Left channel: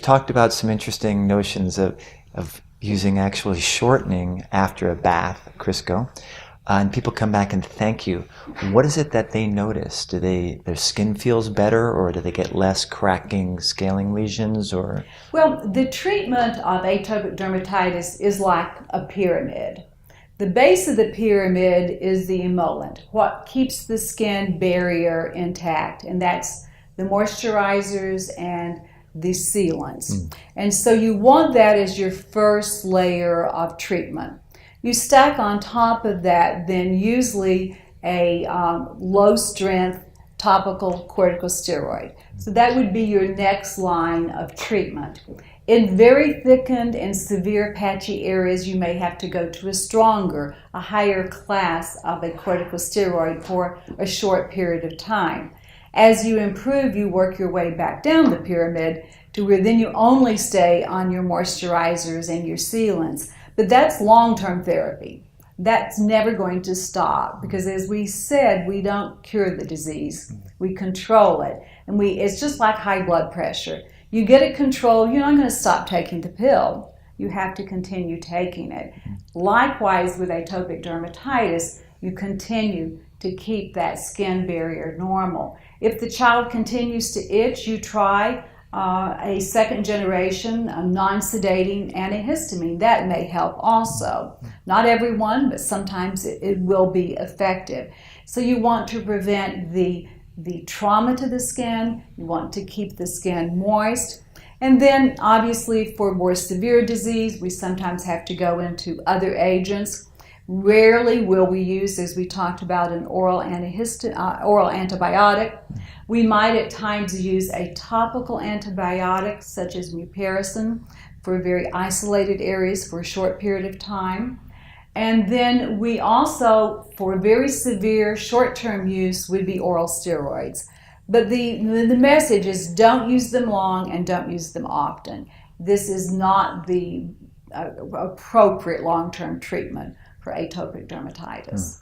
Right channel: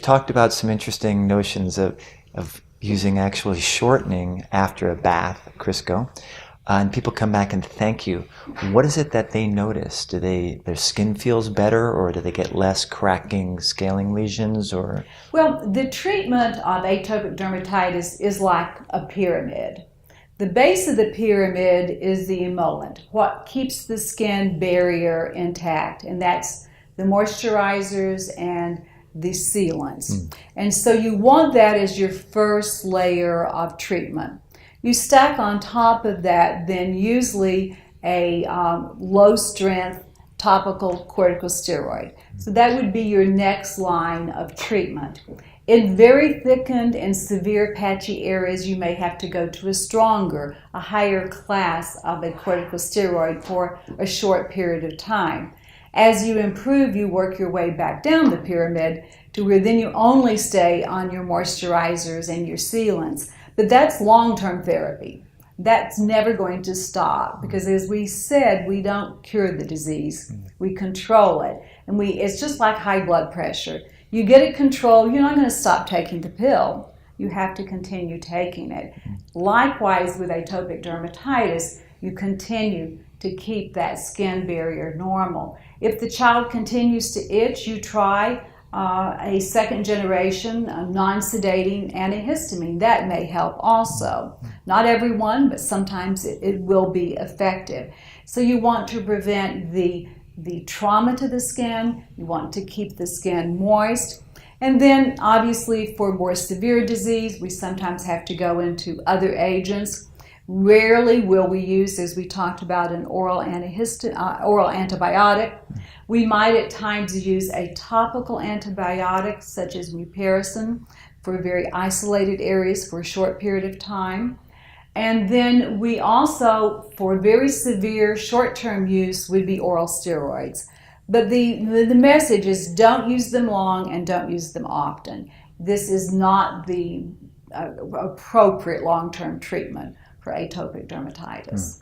talked about some interesting notions of using actually shortening after a bath, Crisco. People come back and thank you. What is it that they notice? Their skin feels better, or do they get less cracking skin lesions? Or? Well, the treatment of atopic dermatitis is like a pyramid. The base of the pyramid is the emollient, what keeps the skin barrier intact, and that's the moisturizers and the sealants. And so you want that as your first layer of treatment. You stack on top of that then usually a low-strength topical corticosteroid. So that would be your next line of treatment. In very thickened and severe patchy areas, you may have to go to a stronger, a higher class of a corticosteroid for a short period of time. As you improve, you work your way back down the pyramid to where then you only stay on your moisturizers and your sealants. But that's long-term therapy. That's never going to stop because, as we said, we don't cure the disease. We control it. And it's just like high blood pressure. You get it controlled, you're not going to stop taking the pill. You have to continue taking it. Likewise, with atopic dermatitis, you continue to keep that skin barrier normal. If the child continues to itch, you try a second generation, a non-sedating antihistamine. That may help also. Not everyone, but sometimes it will be effective. So you want to prevent the trauma to the skin. You want to keep the skin moist. And then obviously for more severe disease, we sometimes have to go into other agents. Rarely will we use, as we talked about, an oral antibiotic. We might at times use a topical antibiotic such as mupirocin for very isolated areas for a short period of time. And then we also, for very severe short-term use, would be oral steroids. But the message is don't use them long and don't use them often. This is not the appropriate long-term treatment for atopic dermatitis.